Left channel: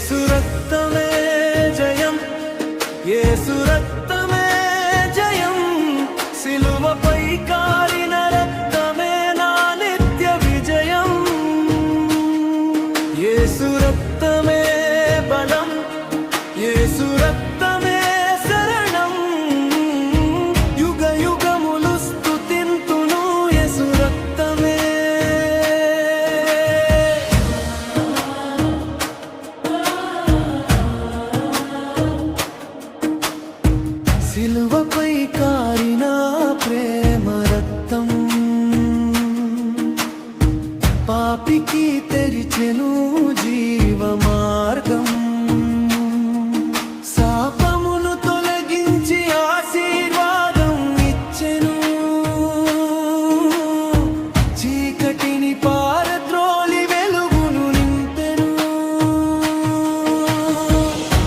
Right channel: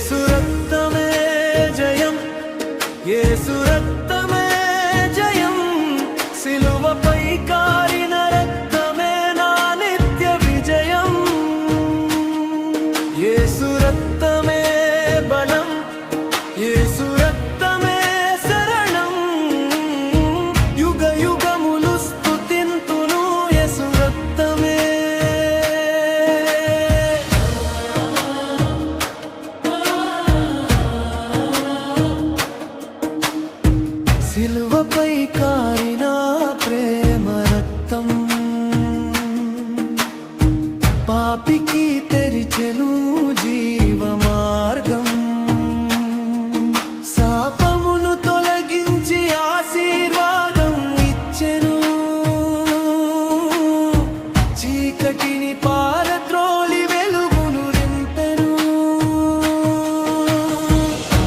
యేసు రక్తమే జయం, యేసు రక్తమే జయం, సిలువపై కారిన రక్తమే నా నిత్య విజయం. యేసు రక్తమే బలం, యేసు రక్తమే శరణం, యుగ యుగములు స్తుతింతును యేసు రక్తమే. సిలువపై కారిన ప్రేమ రక్తం పాపికి తెరిచెను జీవ మార్గం. శాపమును తొలగించి ఆశీర్వాదం ఇచ్చెను, చీకటిని పారద్రోలి వెలుగును నింపెను.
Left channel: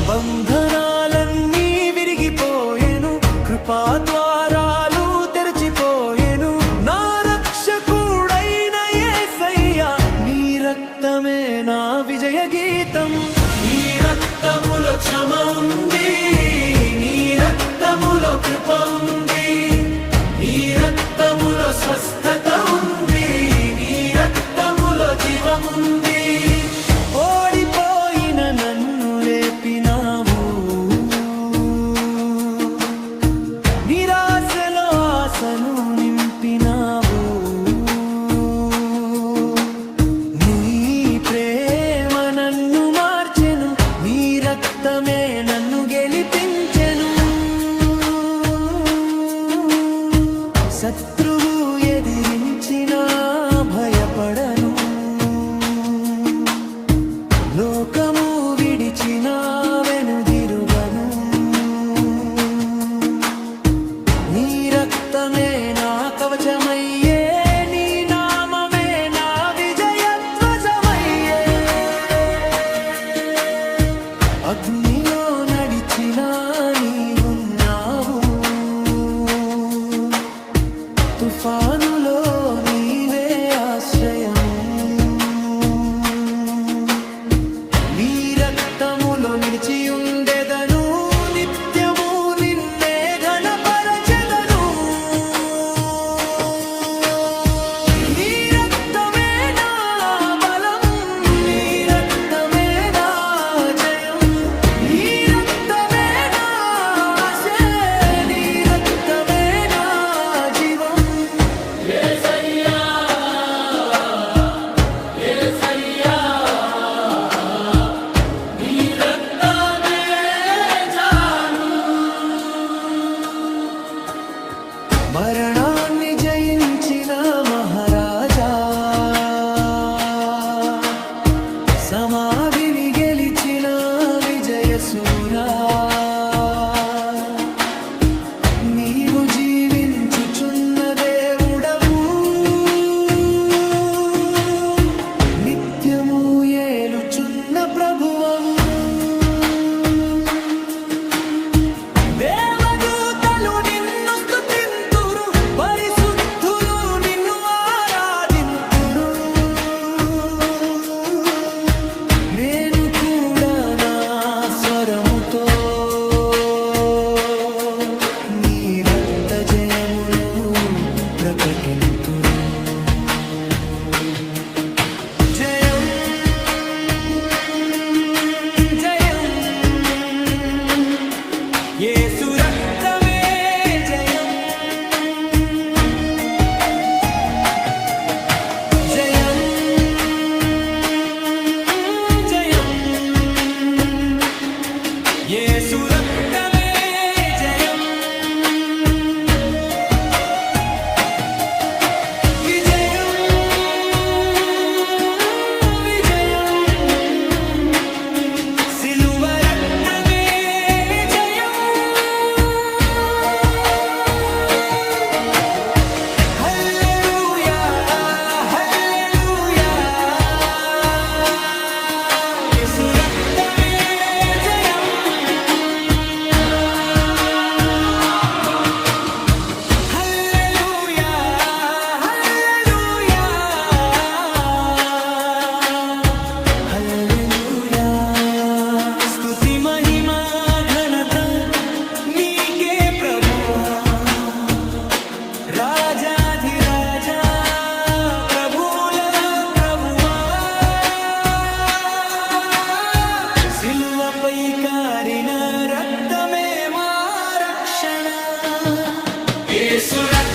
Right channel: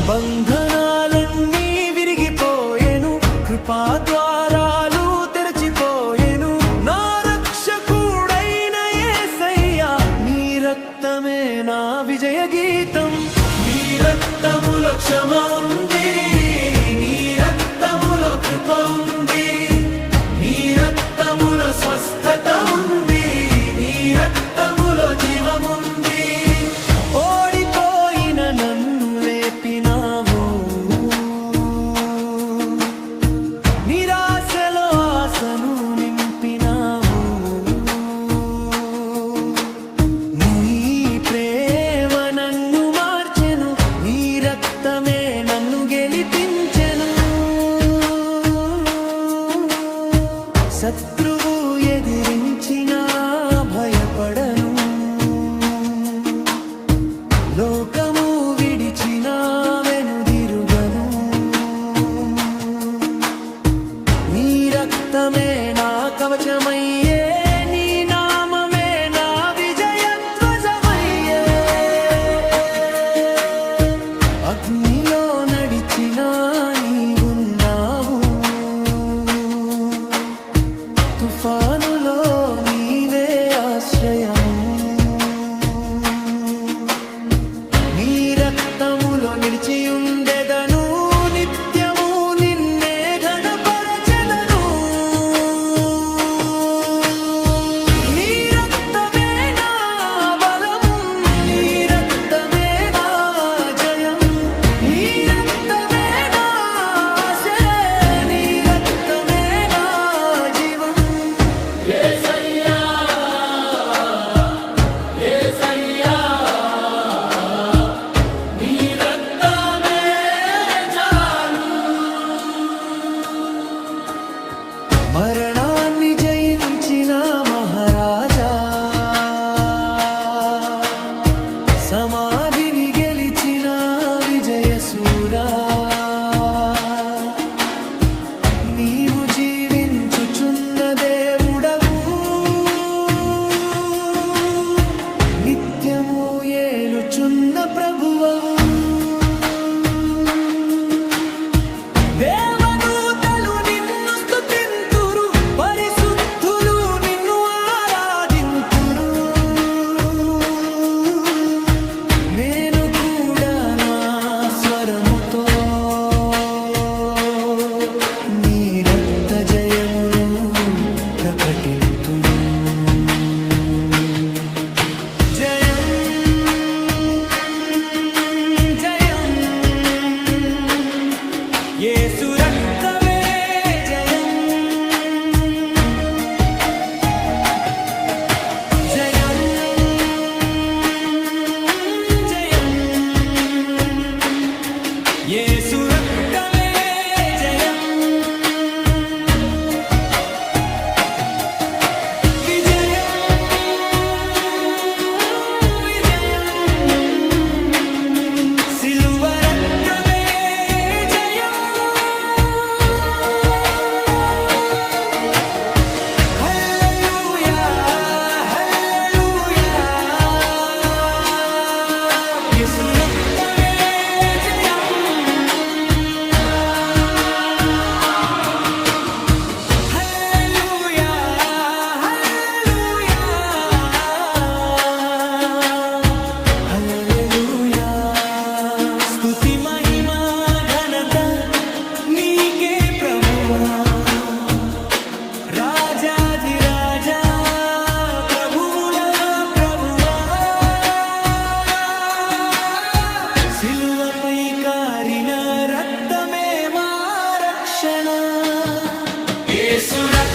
బంధనాలన్నీ విరిగిపోయెను, కృపా ద్వారాలు తెరచిపోయెను. నా రక్షకుడైన యేసయ్యా, నీ రక్తమే నా విజయ గీతం. నీ రక్తములో క్షమ ఉంది, నీ రక్తములో కృప ఉంది, నీ రక్తములో స్వస్థత ఉంది, నీ రక్తములో జీవముంది. ఓడిపోయిన నన్ను లేపినావు, నిరాశలో ఆశను నింపినావు. నీ ప్రేమ నన్ను మార్చెను, నీ రక్తమే నన్ను గెలిపించెను. శత్రువు ఎదిరించినా భయపడను, లోకము విడిచినా వెనుదిరుగను. నీ రక్తమే నా కవచమయ్యే, నీ నామమే నా విజయధ్వజమయ్యే. అగ్నిలో నడిచినా నీవున్నావు, తుఫానులో నీవే ఆశ్రయము. నీ రక్తములో నిలిచియుండెదను, నిత్యము నిన్నే ఘనపరచెదను. నీ రక్తమే నా బలం, నీ రక్తమే నా జయం, నీ రక్తమే నా ఆశ, నీ రక్తమే నా జీవం. యేసయ్యా, యేసయ్యా, నీ రక్తమే చాలు. మరణాన్ని జయించిన మహారాజా, సమాధిని గెలిచిన విజయసూరా, నీవు జీవించుచున్న దేవుడవు, నిత్యము ఏలుచున్న ప్రభువవు. దేవదూతలు నిన్ను స్తుతింతురు, పరిశుద్ధులు నిన్ను ఆరాధింతురు. నేను కూడా నా స్వరముతో నీ రక్త జయమును ప్రకటింతును. జయం జయం, యేసు రక్తమే జయం. జయం జయం, యేసు రక్తమే జయం. విజయం విజయం, సిలువ రక్తమే జయం. హల్లెలూయా హల్లెలూయా, యేసు రక్తమే జయం. స్తుతి మహిమా ఘనత నీకే ప్రభువా రాజాధిరాజా ప్రభువుల ప్రభువా సిలువపై కారిన రక్తమే మా రక్షణ యేసు రక్తం